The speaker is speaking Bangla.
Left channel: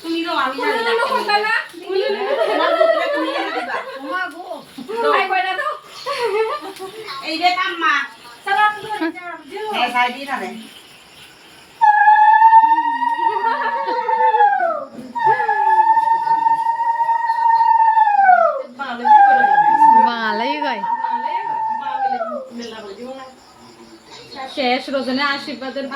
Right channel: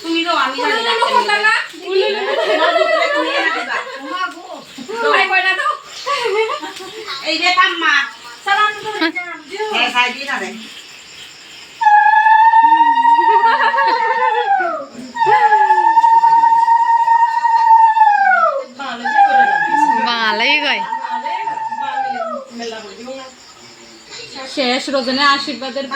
তুমি তো আমি এই যে কাম্মা হ্যাঁ খাই দিই না রে বাঙালাই কয় শেষ রজনী আশীর্বাদের